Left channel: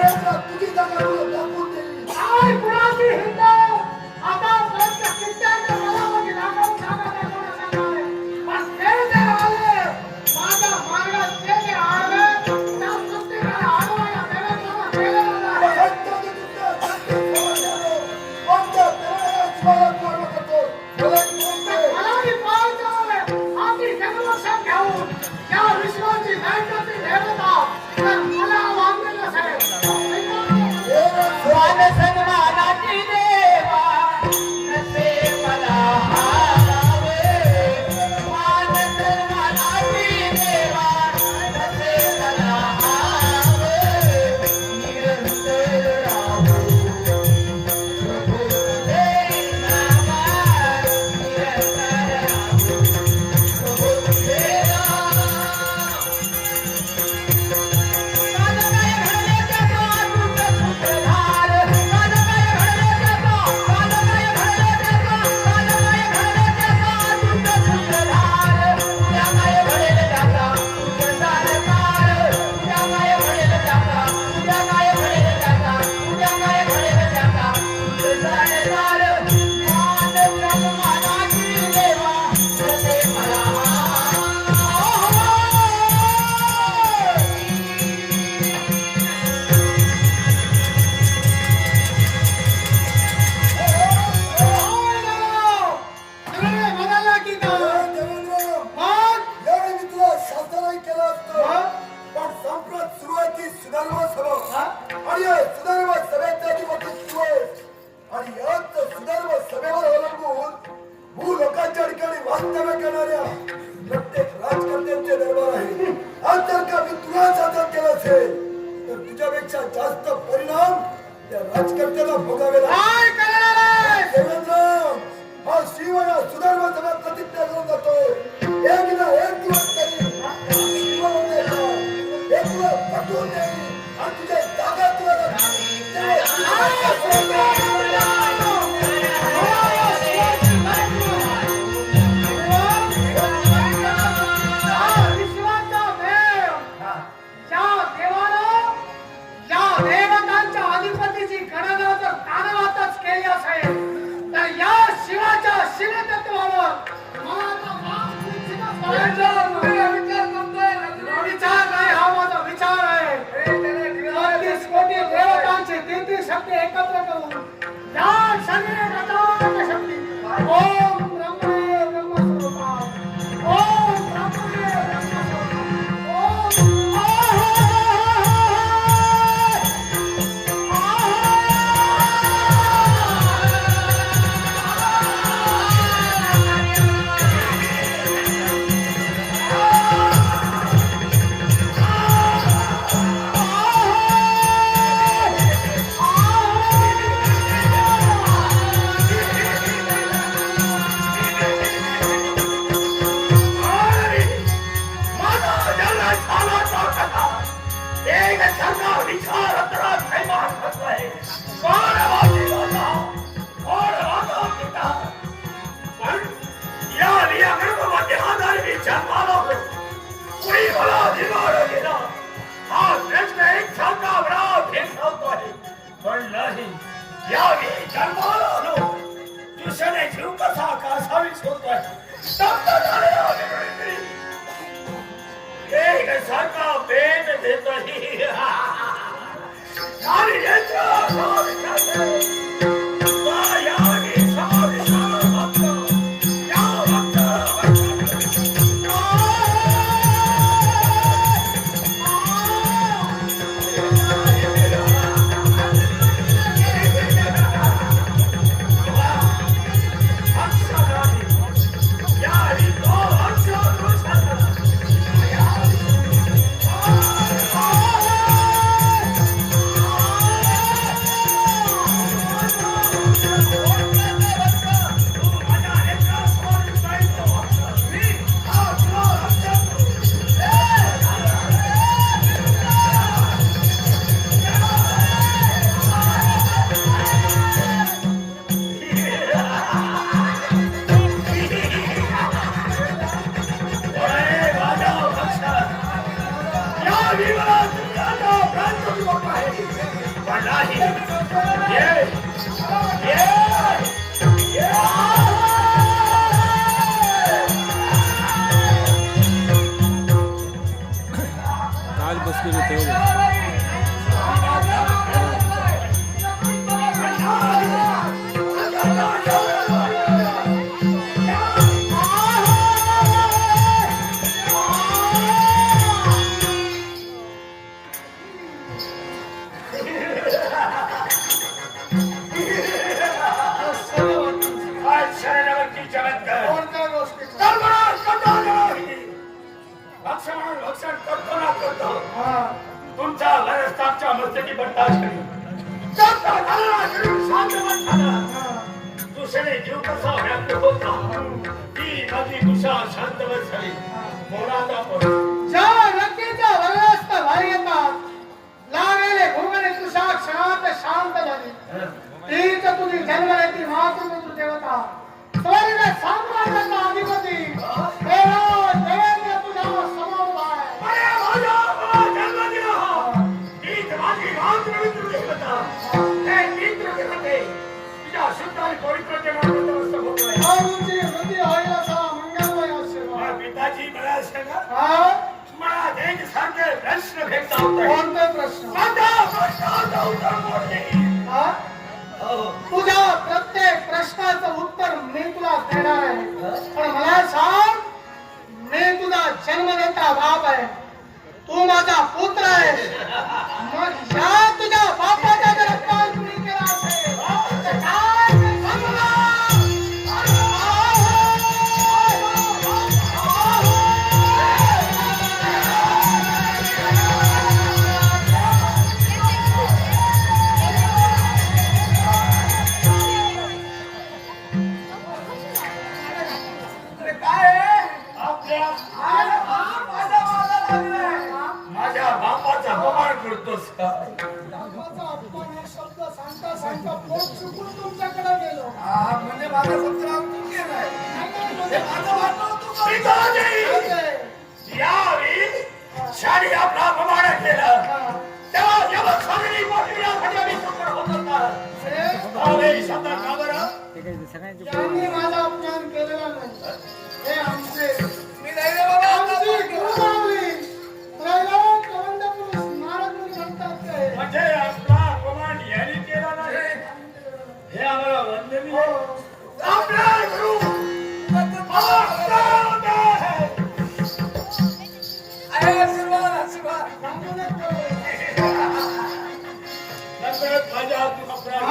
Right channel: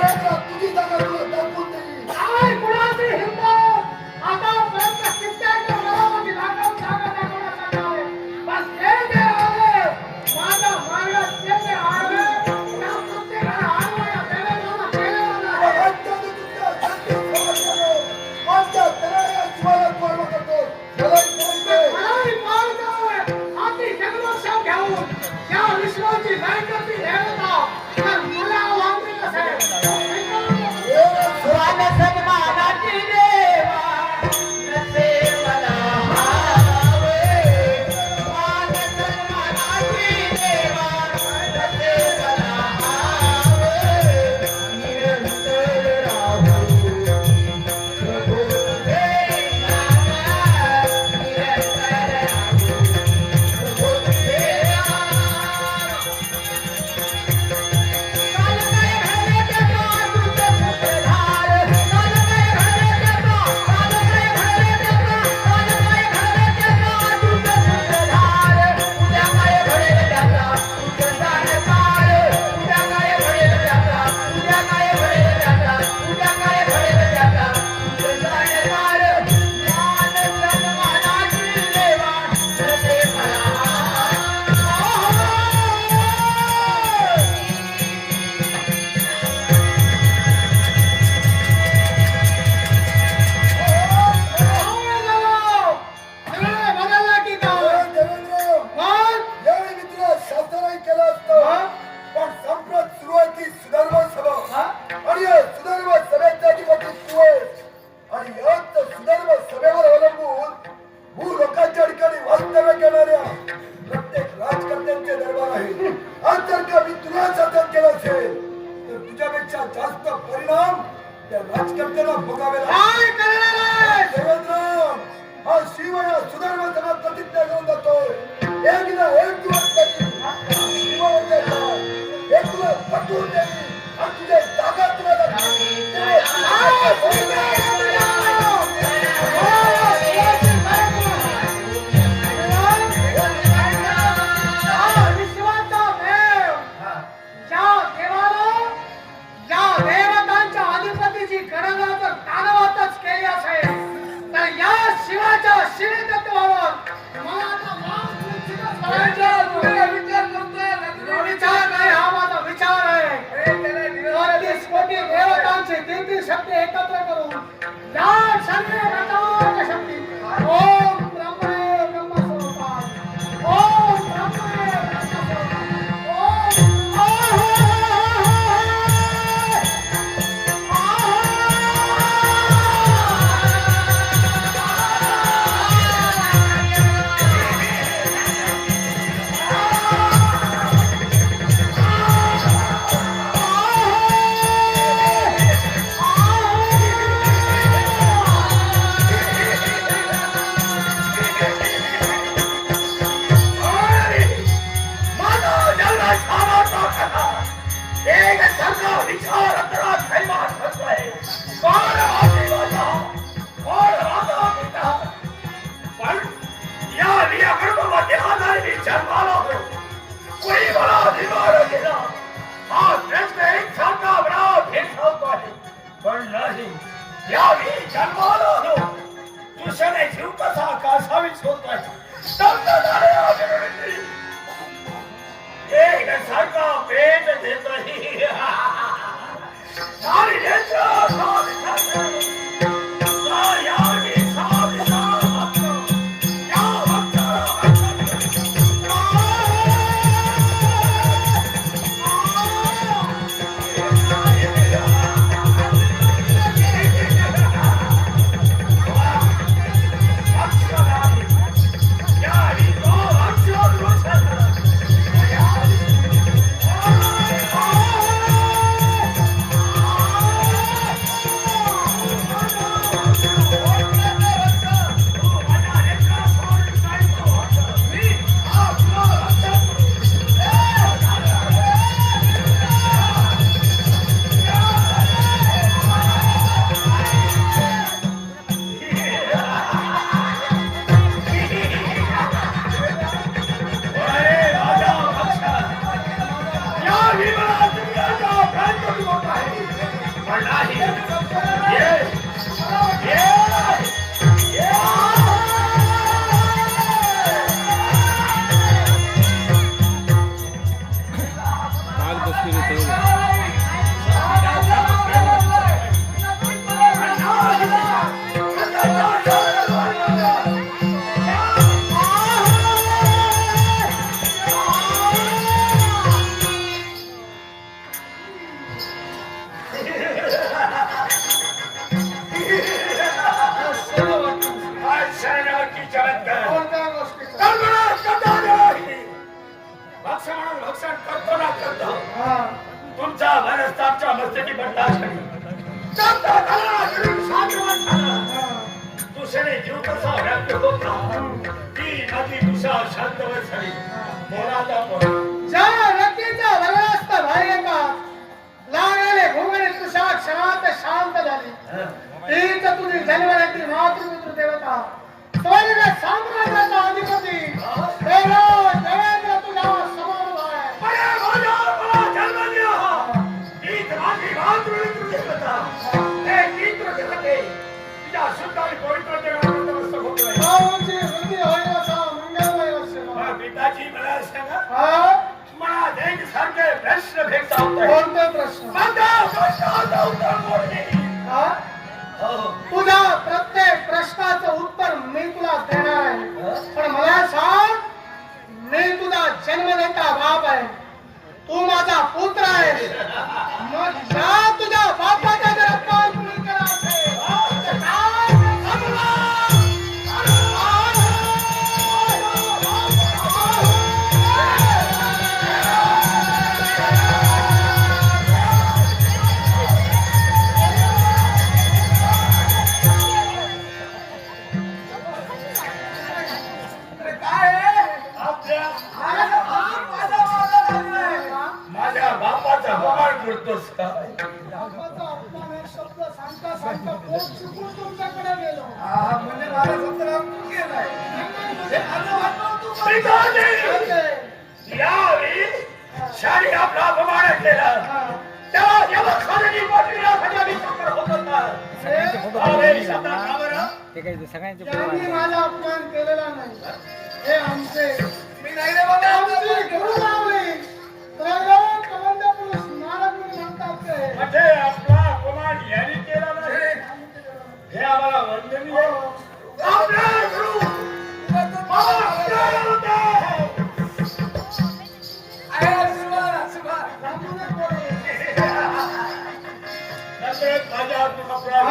Hallelujah. वक्तव्य करणाऱ्या प्रत्येक राजकारण्यांचे दरबार आहे. आज जर का मी तुला शासन केला असेल तर तुझ्यापेक्षा जास्त परिणाम त्या राजकर्त्याला भोगावे लागेल हा शिव या सुधर्म सभा प्रतिज्ञा घेऊन जातोय. एक ना एक दिवस त्यांनी शिववंत एक दिवस पटवून त्यांनी आणि तुझ्या जागा तुला काही मला एक छाकावराव हे सांगतो आहे पण नाही यावी जन्माला आलो कृष्णाने जीव कसा कासावी सोडतो आहे शब्द झाले एक सारखा पेट देतो सारी भक्षण करतो ना करतो. हा. तुमचा बरस आमच्या बर्दाश्त हा. दुसरे जीव कसा व्याप्त होता? ती नदी दुसरा शांतवत झाली. मोराचा लागलेले घोगणे तुषा क्षणात शांत झाली. तीच तुझी देवता. स्वर्ग साम्राज्याचा अधिपती. प्रश्न भेटता होते. कोणते प्रश्न? हा? हो. तुझ्या प्रत्येक प्रश्नाचं उत्तर मी तुला देणार आहे. पण मला सांग मी तुझा जन्मदाता बाप आहे. तू माझा पुत्र आहे मग करतोस काय बापाचा अपमान हे शब्द सांगता सांगता पोट चुकून तुमच्याकडे गेलो. म्हणजे मला सत्र तू केलाय. असं वाटलं तू पिताजी यावेळी शाळी आपला अपमान केला. तेव्हा जेव्हा खाली मोठविण्यासाठी आम्ही समोर होत. होता त्यावेळी शब्द का बरं? त्यांनी माझा अपमान केलेला नाही हे आमचे मी नाही रे बाबा म्हणजे आपला अपमान यांनी केला नाही. हे. आम्हाला वंदनीय. आहे. आपले गुरु नमस्कार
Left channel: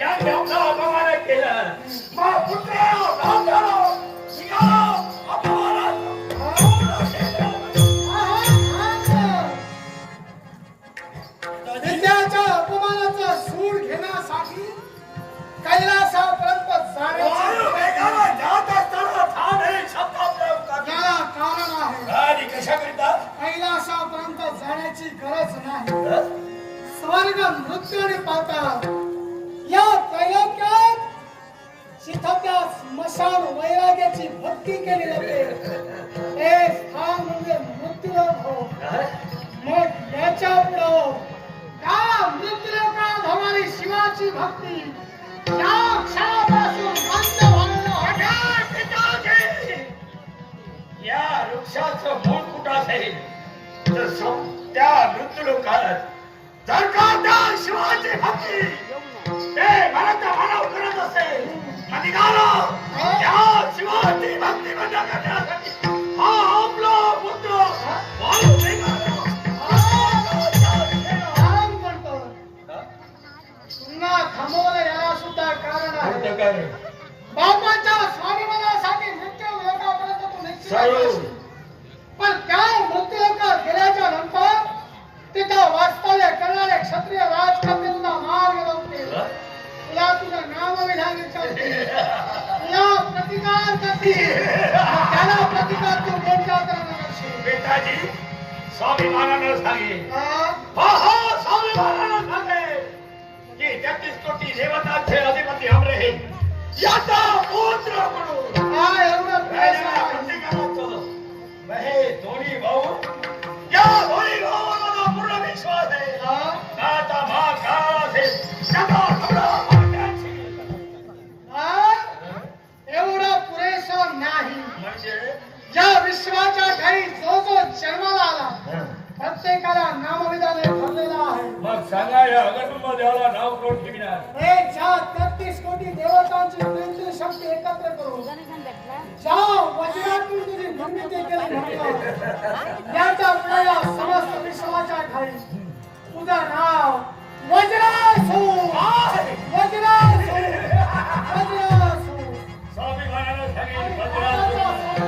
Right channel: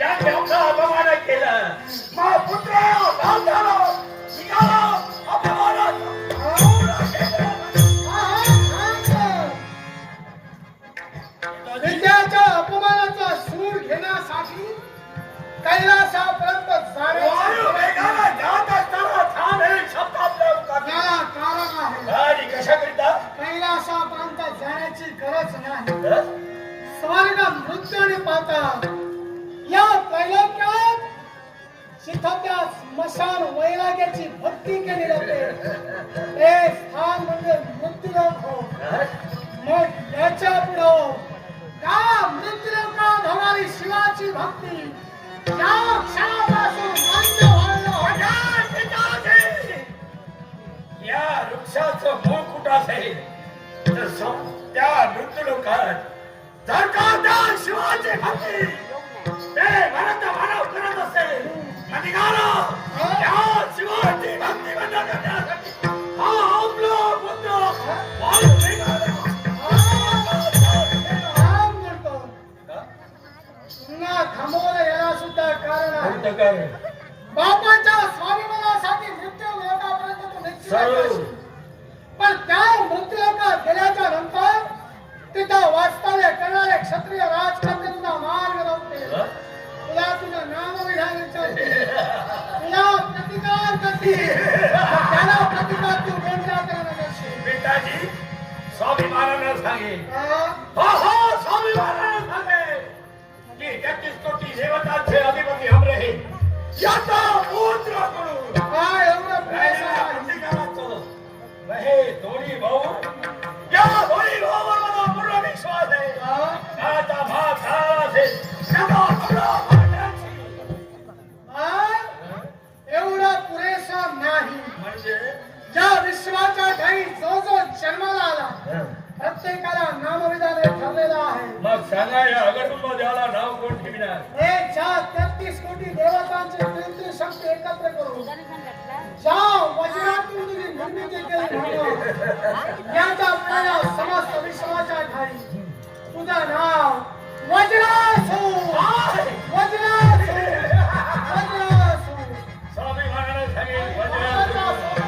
यांनी आपला अपमान केला. मग पुत्र झालो निघाला अपमानाचा अपमानाचा सूड घेण्यासाठी कैलासापर्यंत जात असताना ठाण हे शब्द आपल्या उतरले. याला कारण आहे. आणि कशाकरिता? कैलासापर्यंत जाण्याची गरज नाही? स्वर्ग मृत्यूने पाहतात या त्रैलोक्यात जिथं त्या स्मशान वैराग्याची भक्ती केली जाते. हे स्थान म्हणजे मृत्यूलोक हो. मग याच्या पुढं त्या मृत्यूलोकात होणारी शिवाची भक्ती? त्या क्षणापासून बंद व्हायला हवी. या वृक्षाचं मूळ कुठं असेल? तर त्या मृत्यूलोकात. जर का त्या शिवाची भक्ती ते तुझं करते विधान प्रतिकार करते त्याला प्रतिकार तू कोणत्या करणार करशील? पिताजी स्वाभिमानानं सांगे हा? हा स्वाभिमानानं सांगे की तेहतीस कोटी देवतांचे अधिपती हम रहे याचा पुत्र म्हणून काय एवढं पैसा हे दोन्ही भाऊ प्रेस राहिलेल्या ज्या विश्वाच्या ठाई जो जो जन्माला आला प्रत्येकाला नामविधाने ठरलेला आहे. मग सांगा नाव कोण ठेवणार? हे ज्या तेहतीस कोटी देवतांची प्रेमची शक्ती एकत्र करून ज्या वज्रातून तुझी निर्मिती केली याचा आपल्याला समस्त विश्वाच्या ठाई तुझा नाव वज्रासू. वज्रासू. वज्रासू. स्वामी महाराज वज्रासू.